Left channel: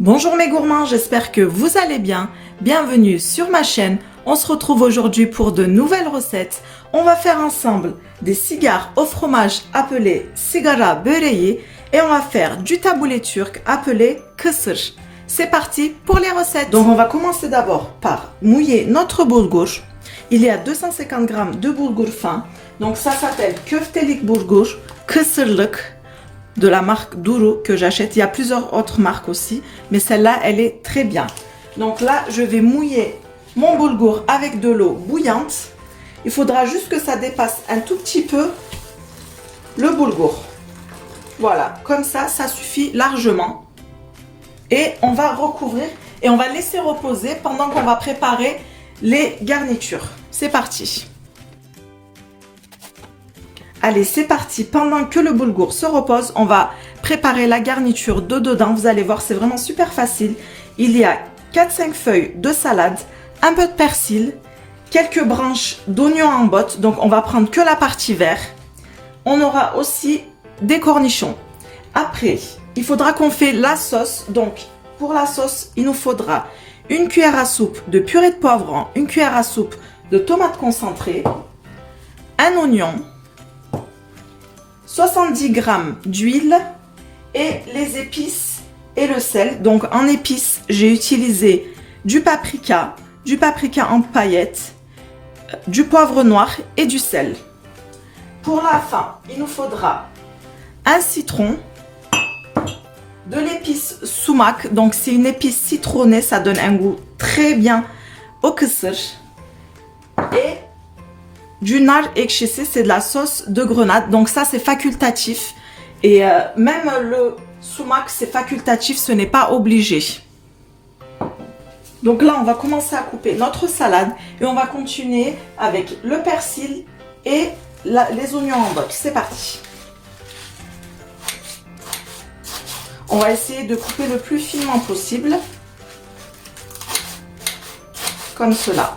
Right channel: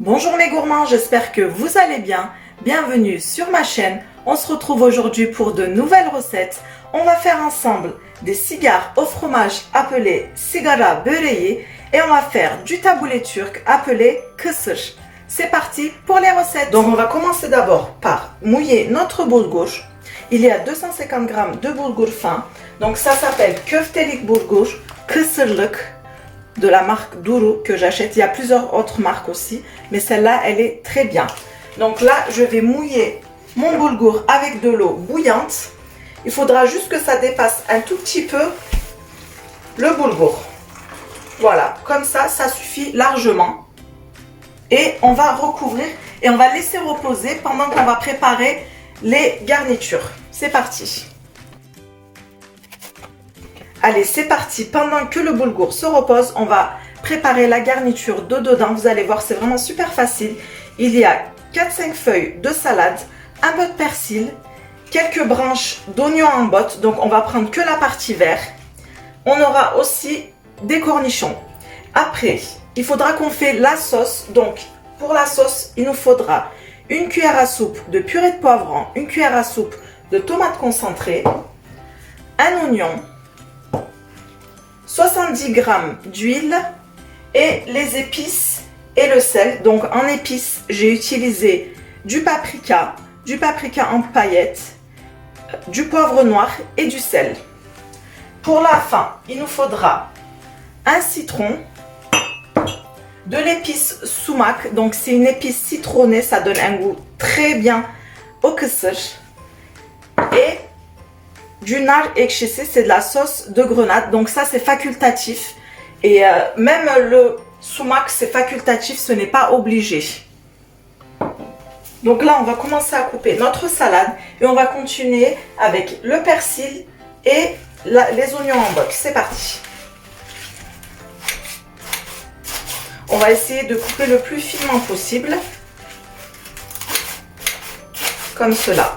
Bonjour mes gourmands, j'espère que vous allez bien. Bienvenue sur ma chaîne. On se retrouve aujourd'hui pour de nouvelles recettes. On va faire ensemble des cigares au fromage appelés sigara böreği et on va faire du taboulé turc appelé kısır. C'est parti pour les recettes. Donc on va commencer d'abord par mouiller notre bulgur. Il y a 250 g de bulgur fin. Donc ça s'appelle köftelik bulgur, kısırlık, de la marque Duru que j'achète. Il y a plusieurs autres marques aussi, mais celle-là, elle est très bien. Donc là, je vais mouiller mon boulgour avec de l'eau bouillante. Il faudra juste que ça dépasse un tout petit peu le boulgour. Voilà, comme ça, ça suffit largement. Et on va recouvrir et on va laisser reposer pendant qu'on va préparer les garnitures. C'est parti. Allez, c'est parti. Pendant que le boulgour se repose, on va préparer la garniture de dedans. Vous allez voir, c'est vraiment super facile. Il y a 4-5 feuilles de salade, un peu de persil, quelques branches d'oignons en botte. Donc, on va prendre que la partie verte. On aura aussi des cornichons. Après, il faudra qu'on fait la sauce. Donc, pour la sauce, il nous faudra une cuillère à soupe de purée de poivron, une cuillère à soupe de tomates concentrées, un oignon, 70 g d'huile et les épices et le sel. Donc en épices, j'ai utilisé du paprika en paillettes, du poivre noir et du sel. Pour la fin, il nous faudra un citron, de l'épice sumac, donc c'est une épice citronnée, ça donne un goût très bien au kısır, et du nar ekşisi, c'est de la sauce de grenade, donc ça c'est facultatif, et même le sumac c'est facultatif, ce n'est pas obligé. Donc là on va commencer à couper notre salade et on va continuer avec le persil et les oignons en botte. C'est parti. On va essayer de couper le plus finement possible, comme cela.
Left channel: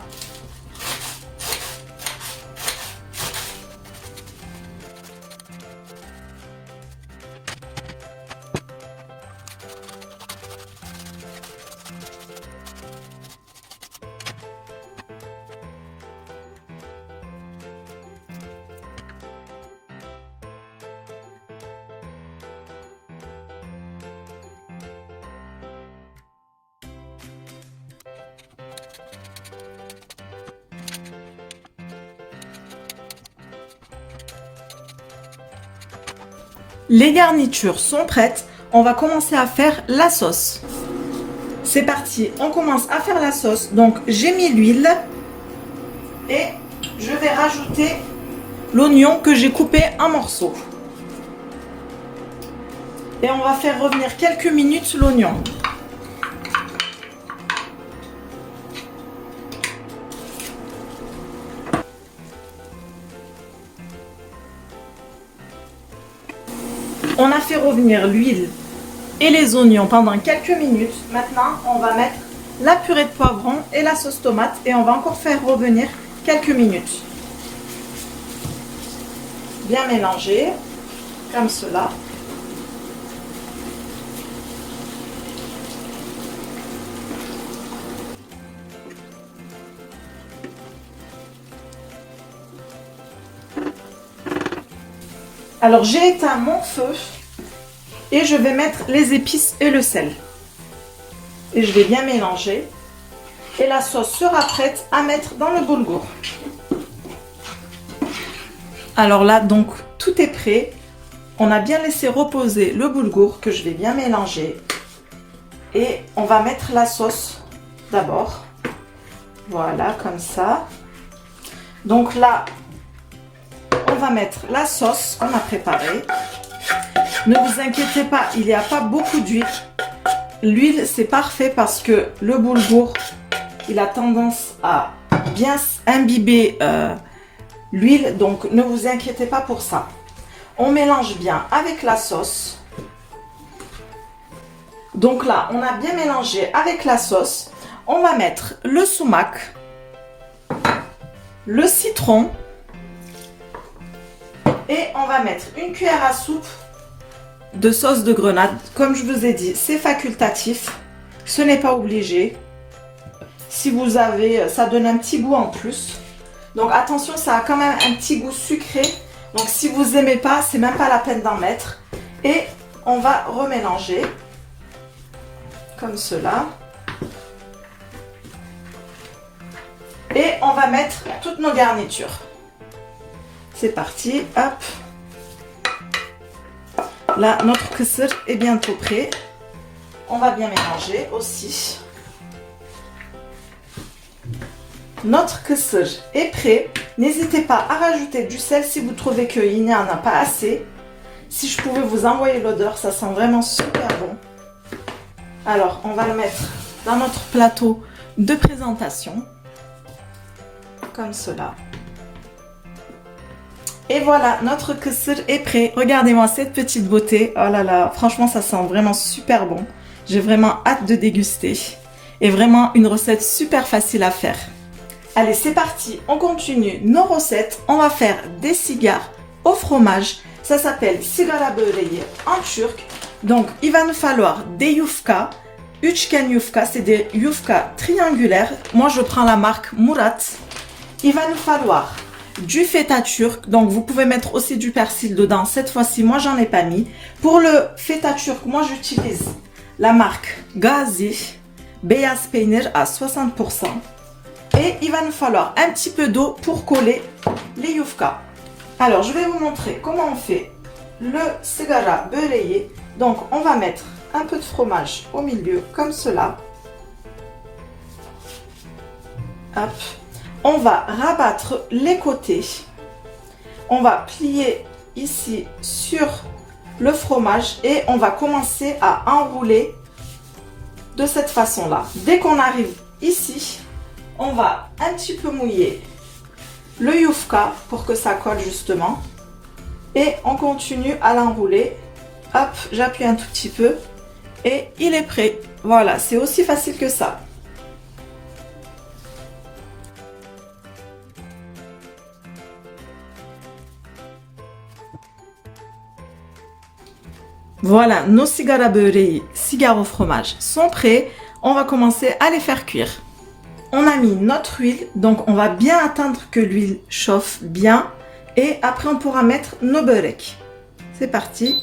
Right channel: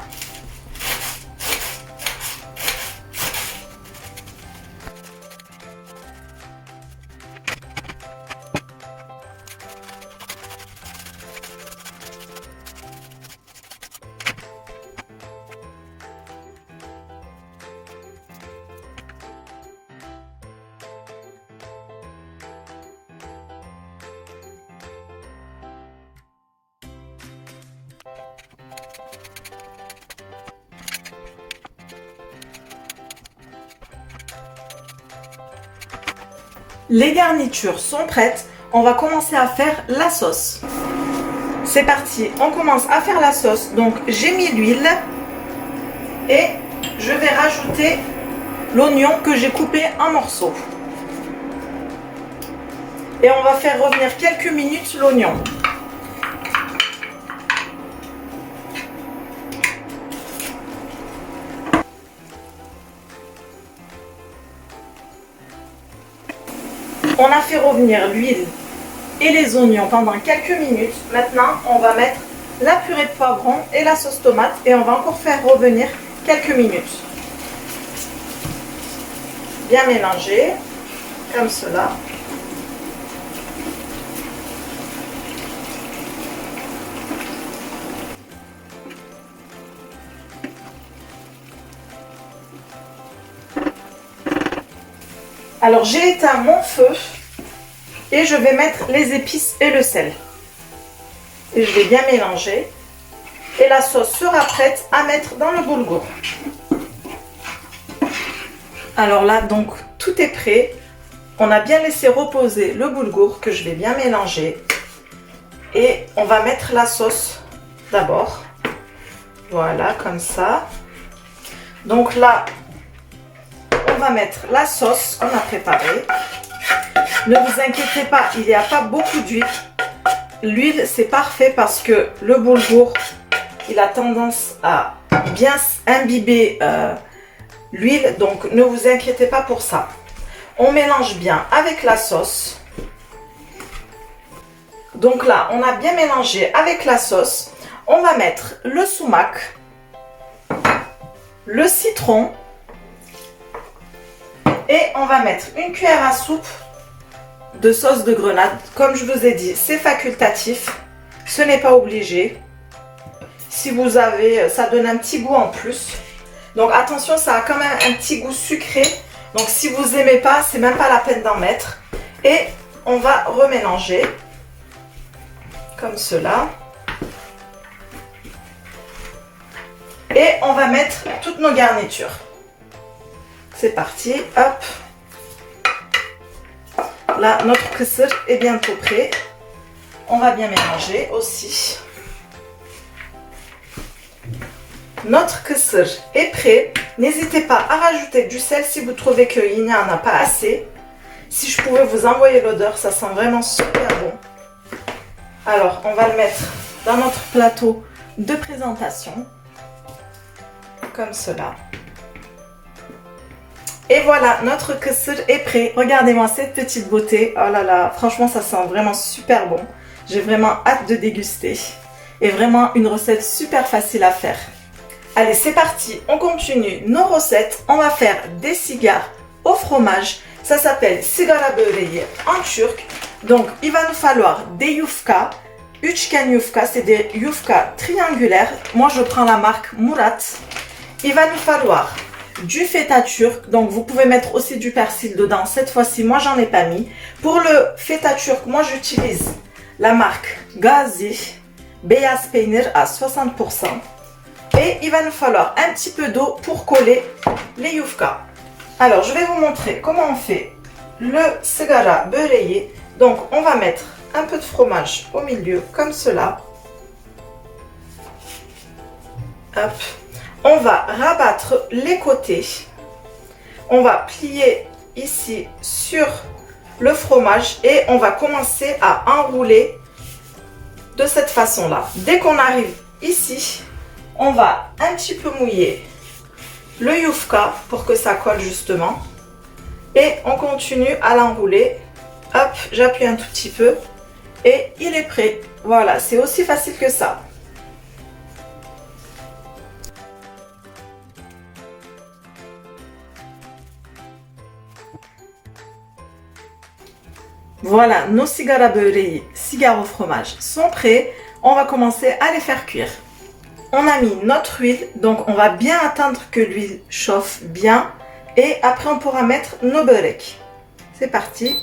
Les garnitures sont prêtes, on va commencer à faire la sauce. C'est parti, on commence à faire la sauce. Donc j'ai mis l'huile et je vais rajouter l'oignon que j'ai coupé en morceaux. Et on va faire revenir quelques minutes l'oignon. On a fait revenir l'huile et les oignons pendant quelques minutes. Maintenant, on va mettre la purée de poivron et la sauce tomate et on va encore faire revenir quelques minutes. Bien mélanger, comme cela. Alors j'ai éteint mon feu et je vais mettre les épices et le sel. Et je vais bien mélanger. Et la sauce sera prête à mettre dans le boulgour. Alors là, donc tout est prêt. On a bien laissé reposer le boulgour que je vais bien mélanger. Et on va mettre la sauce d'abord. Voilà, comme ça. Donc là, on va mettre la sauce qu'on a préparée. Ne vous inquiétez pas, il n'y a pas beaucoup d'huile. L'huile, c'est parfait parce que le boulgour, il a tendance à bien imbiber l'huile. Donc, ne vous inquiétez pas pour ça. On mélange bien avec la sauce. Donc là, on a bien mélangé avec la sauce. On va mettre le sumac, le citron. Et on va mettre une cuillère à soupe de sauce de grenade. Comme je vous ai dit, c'est facultatif. Ce n'est pas obligé. Si vous avez, ça donne un petit goût en plus. Donc attention, ça a quand même un petit goût sucré. Donc si vous n'aimez pas, c'est même pas la peine d'en mettre. Et on va remélanger comme cela. Et on va mettre toutes nos garnitures. C'est parti, hop. Là, notre kısır est bientôt prêt. On va bien mélanger aussi. Notre kısır est prêt. N'hésitez pas à rajouter du sel si vous trouvez qu'il n'y en a pas assez. Si je pouvais vous envoyer l'odeur, ça sent vraiment super bon. Alors, on va le mettre dans notre plateau de présentation. Comme cela. Et voilà, notre kısır est prêt. Regardez-moi cette petite beauté. Oh là là, franchement, ça sent vraiment super bon. J'ai vraiment hâte de déguster. Et vraiment une recette super facile à faire. Allez, c'est parti. On continue nos recettes. On va faire des cigares au fromage. Ça s'appelle sigara böreği en turc. Donc, il va nous falloir des yufka. Üçgen yufka, c'est des yufka triangulaires. Moi, je prends la marque Murat. Il va nous falloir du feta turc, donc vous pouvez mettre aussi du persil dedans. Cette fois-ci, moi, j'en ai pas mis. Pour le feta turc, moi, j'utilise la marque Gazi, beyaz peynir à 60%. Et il va nous falloir un petit peu d'eau pour coller les yufka. Alors, je vais vous montrer comment on fait le sigara böreği. Donc, on va mettre un peu de fromage au milieu, comme cela. Hop. On va rabattre les côtés. On va plier ici sur le fromage et on va commencer à enrouler de cette façon-là. Dès qu'on arrive ici, on va un petit peu mouiller le yufka pour que ça colle justement. Et on continue à l'enrouler. Hop, j'appuie un tout petit peu et il est prêt. Voilà, c'est aussi facile que ça. Voilà, nos sigara böreği, cigares au fromage sont prêts. On va commencer à les faire cuire. On a mis notre huile, donc on va bien attendre que l'huile chauffe bien. Et après, on pourra mettre nos böreği. C'est parti.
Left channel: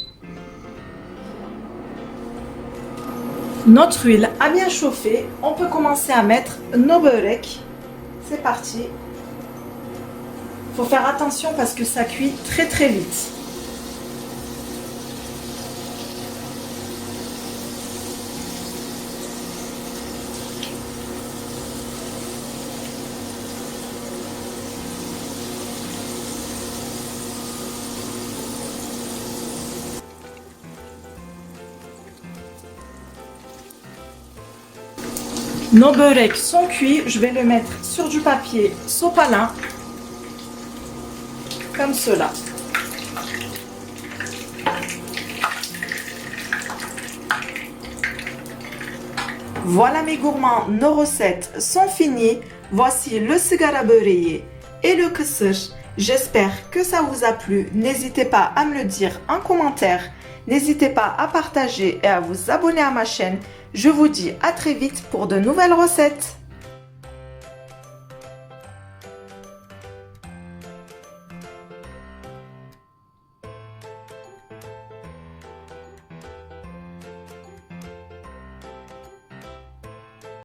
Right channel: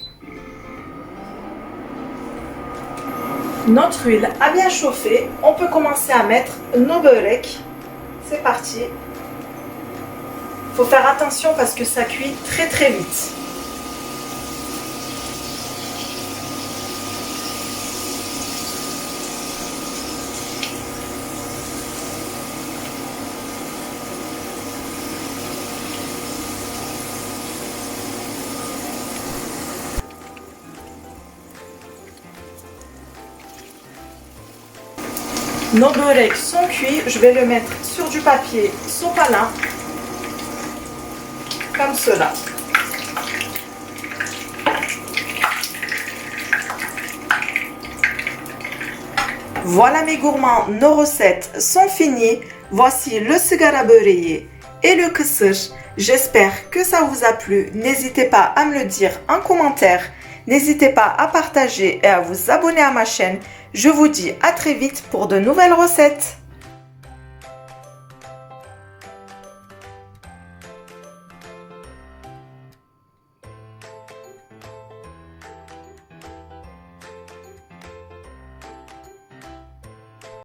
Notre huile a bien chauffé. On peut commencer à mettre nos böreği. C'est parti. Faut faire attention parce que ça cuit très très vite. Nos böreği sont cuits. Je vais le mettre sur du papier sopalin. Comme cela. Voilà mes gourmands, nos recettes sont finies. Voici le sigara böreği et le kısır. J'espère que ça vous a plu. N'hésitez pas à me le dire en commentaire. N'hésitez pas à partager et à vous abonner à ma chaîne. Je vous dis à très vite pour de nouvelles recettes.